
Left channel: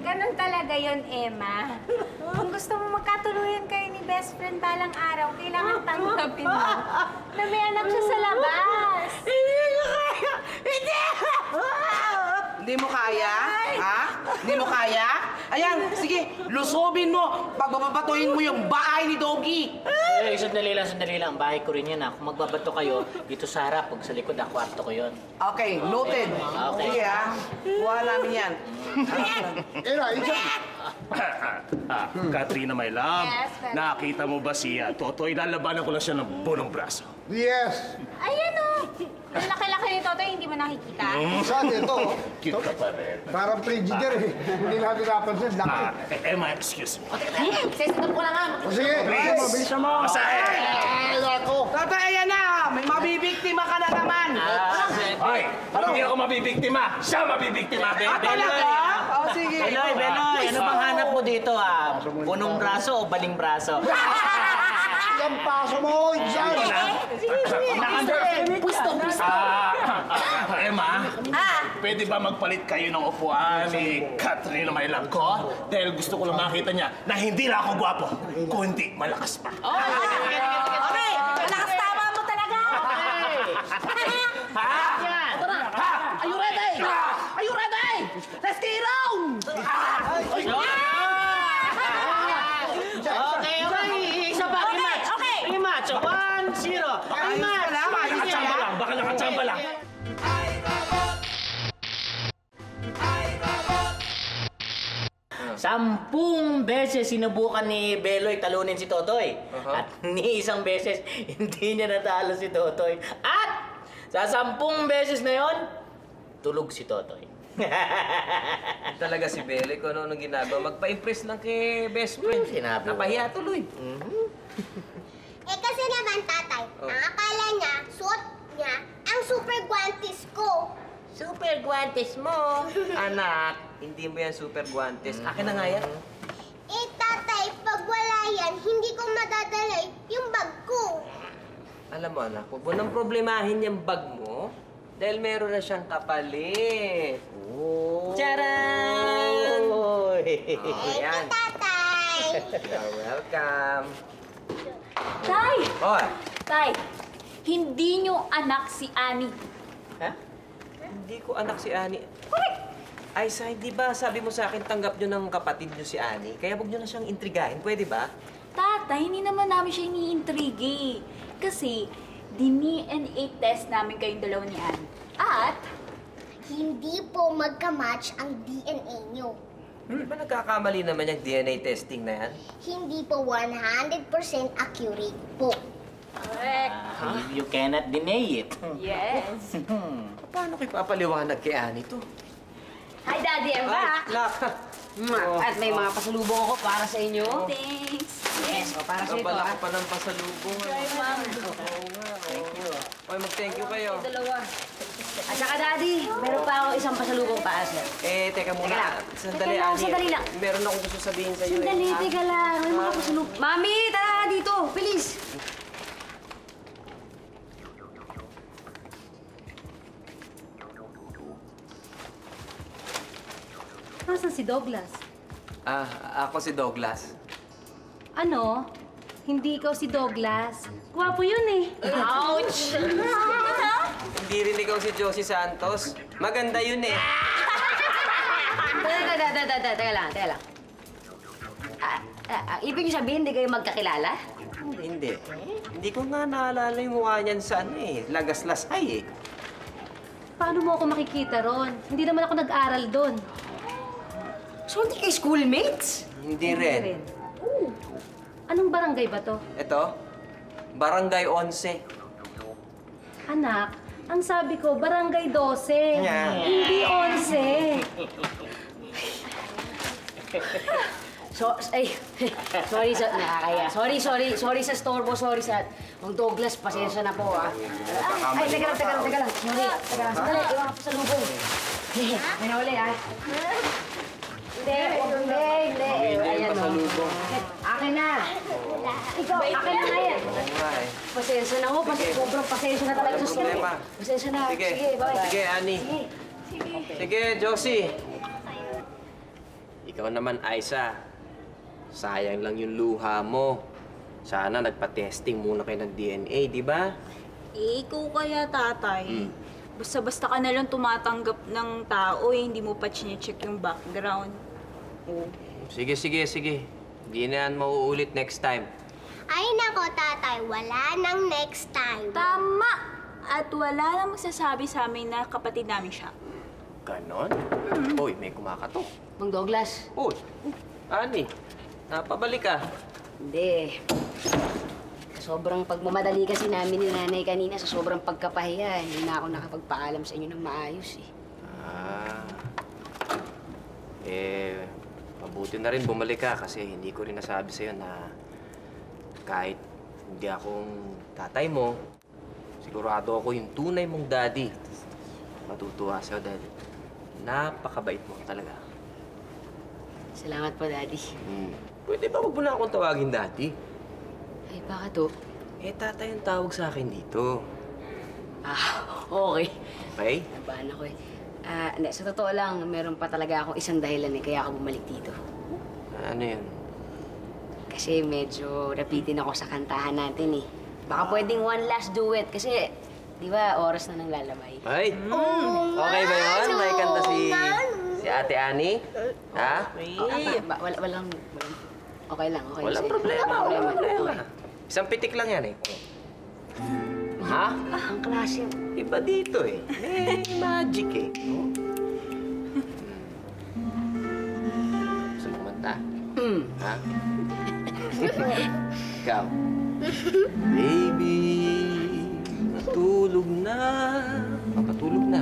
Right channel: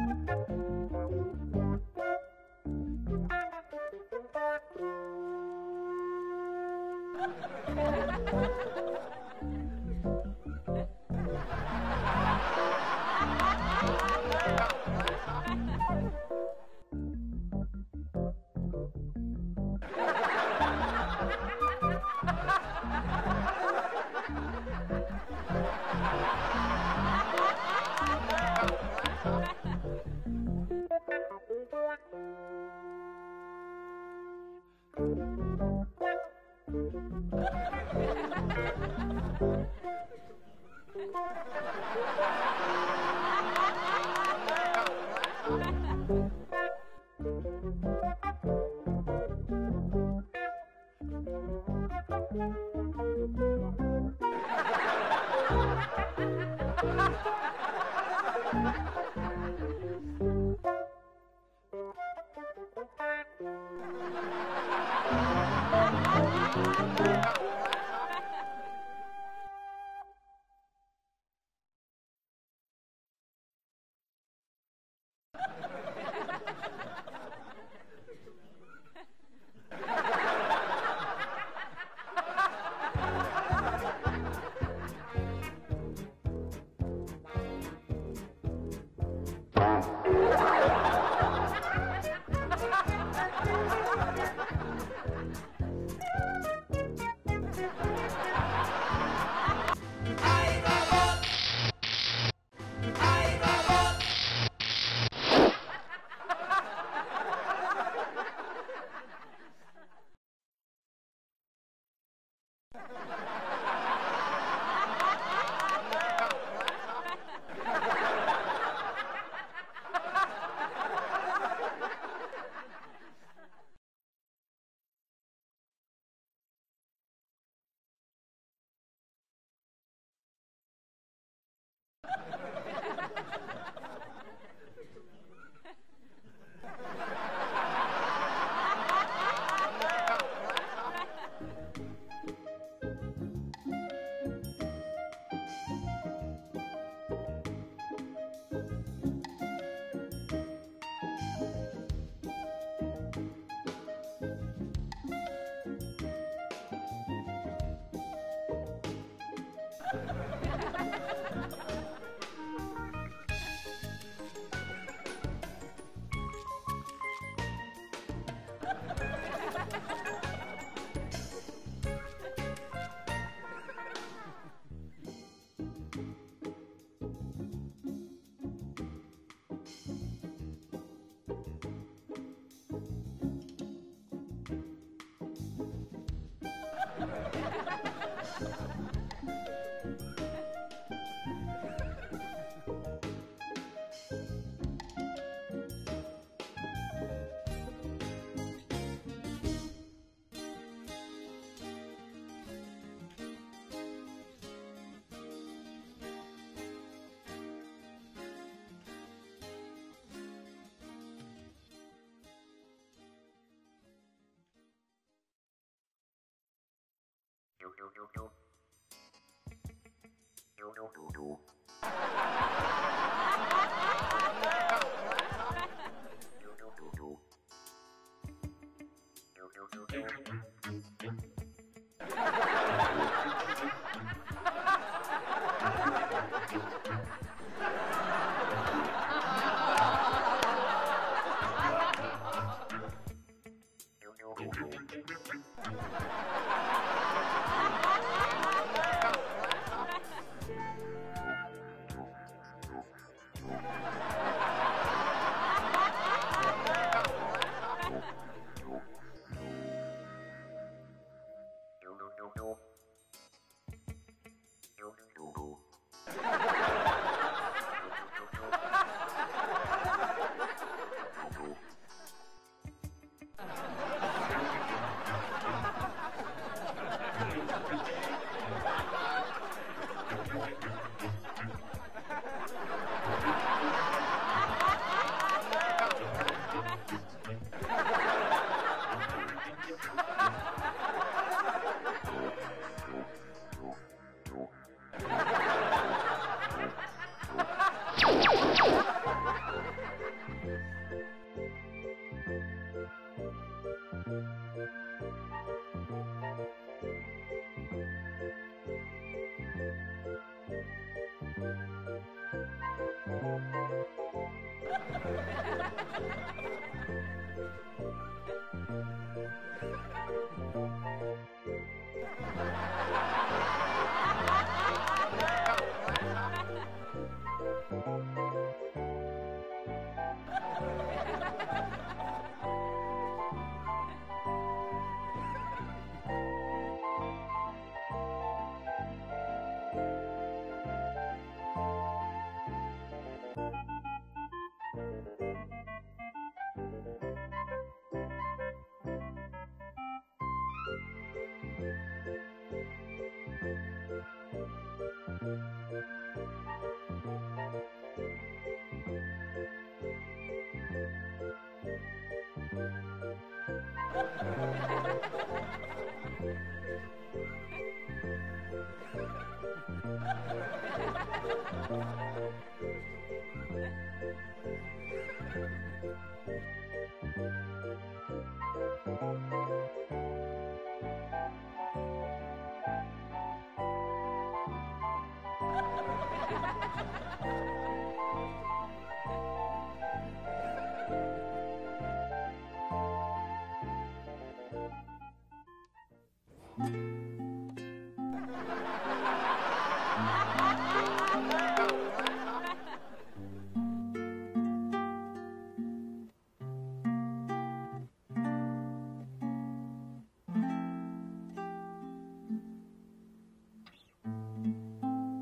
Ganon talaga yon, Emma. Kung gusto mo magkatuluyan kayo ni best friend balang araw, kailangan tanggapin mo na may anak siya sa labas. Hindi mo kaya? Ha? Hindi mo kaya? Ayan, sige, lusobin mo. Pagbabatuhin mo yung bahay ni Doggy. Sandali lang. Bahay ko rin yan, ha. Kung magbabato kayo, dito sa harap. Kung sa likod, kwarto ko yun. Okay, noted. Okay. Sige, ha? Kuha namin yan. Katrina, my love. Yes, Daddy. Nakita mo ba siya? Totoy, lalabanan ko lang siya ng bunong braso. Yes. Ayan o. Ang laki-laki ni Totoy, hindi mo nakikita. Saan ito? Parang frigider eh. Hindi natin napansin. Laki. Emma, excuse me. Sesitap ko na nga. Sige, mabilis mo. Masahe! Ay, ako. Tatay, ayan na. May mabibiktima ka na naman. Hoy! Hindi ako mabibiktima! Siya mabibiktima! Talaga? Oh, sige. Beloy, ano bang hanap mo dito, ha? Punong braso o baling braso? Ang paso mo, Insan. Emma, pwede ba magpalit kayo ng upuan ni Katrina, my love ko? Dahil gusto ko lang makita niya na hindi lang ako gwapo, kundi malakas pa. Okay! Malakas tama mo talaga! Are you ready? Are you ready? Let's get on! Okay. Isa pa, rematch. 1-0. Rematch. Baka nakachamba lang. Sampung beses sinubukan ni Beloy talunin si Totoy. At ni isang beses, hindi niya natalo si Totoy. At sa 10 beses na yon, tulog si Totoy. Talaga si Beloy kung ano ginagawa. Magpa-impress lang kay best friend. Sinabi mo. Napahiya tuloy. Kasi naman, tatay, ang akala niya, suot niya ang super guantes ko. Super guantes mo. Anak, hindi mo yan super guantes. Akin na nga yan. Tatay, pag wala yan, hindi ko madadala yung bag ko. Alam mo, anak, huwag mo nang problemahin yung bag mo dahil meron na siyang kapalit. Oh. Charan! Ayan. Tatay! You're welcome. Tay! Hoy! Tay, hindi nyo anak si Annie. Ha? Hindi ko anak si Ani. Ay, Sai, di ba sabi mo sa akin tanggap nyo ng kapatid nyo si Ani? Kaya huwag nyo na siyang intrigahin. Pwede ba? Tatay, hindi naman namin siya iniintrigi. Kasi, DNA test namin kayong dalawa ni Annie. At, Hindi po magka-match ang DNA nyo. Di ba nagkakamali naman yung DNA testing na yan? Hindi po 100% accurate po. correct. You cannot deny it. Yes. Paano kayo papaliwanag kay Ani to? Hi, Daddy. I'm back. At may mga pasalubong ako para sa inyo. Thanks. Yes, o para sa ito. Kapala ko pa ng pasalubong. Sorry, Ma'am. Thank you. Oy, mag-thank you kayo. Dalawa. At saka, Daddy, meron pa ako isang pasalubong para sir. Teka muna. Teka lang. Sandali, Teka lang, Ani. sandali lang. Meron akong gusto sabihin sa'yo. Sandali, teka lang. May mga pasalubong. Mami, tara dito. Bilis. Nasaan si Douglas? Ako si Douglas. Ano? Hindi ikaw si Douglas. Gwapo yun eh. Ouch! Hindi rin ikaw si Josie Santos. Maganda yun eh. Teka lang. Ibig niyo sabihin, hindi kayo magkakilala? Hindi. Hindi ko nga naalala yung mukha niyan sa Lagaslasay eh. Paano mo ako makikita ron? Hindi naman ako nag-aral doon. So, hindi kayo schoolmates? Hindi rin. Anong barangay ba to? Ito, Barangay 11. Anak, ang sabi ko, barangay 12. Yeah. Hindi 11. Sorry sa nakakaya. Sorry sa storbo, sorry sa ang Douglas, pasensya na po ah. Ay, teka lang. Sorry. Sandali, iwan ko sa lubong. May nahuli ah. Hindi. Ayan o. Akin na. Ikaw, akin na nga yan. Pasensya na ho, sobrang pasensya na talaga sa storbo. Pasensya na. Sige, bye. sige, Ani. Sige, Josie. Ikaw naman, Aiza. Sayang lang yung luha mo. Sana nagpa-testing muna kayo ng DNA, di ba? Ikaw kaya, tatay. Basta-basta ka na lang tumatanggap ng tao hindi mo pa chinecheck yung background. Sige. Di na yan mauulit next time. Ay nako, tatay, wala nang next time. Tama! At wala lang sasabi sa amin na kapatid namin siya. Ganon? Uy, may kumakatok. Mang Douglas. Uy, Ani, napabalik ka. Hindi. Sobrang pagmamadali kasi namin ni nanay kanina sa sobrang pagkapahiya. Hindi na ako nakapagpaalam sa inyo ng maayos eh. Mabuti na rin bumalik ka kasi hindi ko rin nasabi sa'yo na kahit hindi akong tatay mo, sigurado ako yung tunay mong daddy. Matutuwa sa'yo dahil napakabait mo talaga. Salamat po, Daddy. Pwede ba huwag mo na akong tawagin daddy? Ay, bakit to? Tatay ang tawag sa akin dito. Okay. Okay? Hindi, sa totoo lang, meron pa talaga akong isang dahilan kaya ako bumalik dito. Ano yun? Kasi medyo napitin ako sa kantahan natin eh. Baka pwedeng one last duet kasi, di ba, oras na nang lalabay. Ay! Okay ba yun? May kanta si Ate Ani? Ha? Walang... Okay lang. Walang problema. Isang pitik lang yan eh. Ha? Ang klase. Iba dito eh. Magic eh. Gusto mo kumanta? Ha? Ikaw. Baby, natulog na. Papatulog na.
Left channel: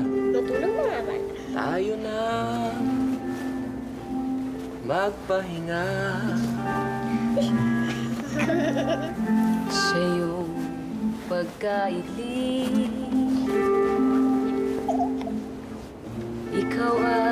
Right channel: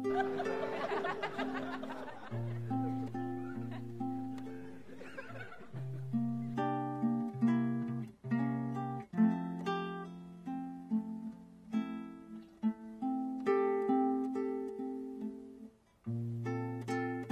Tayo na magpahinga. Sa iyong pagkaili, ikaw ay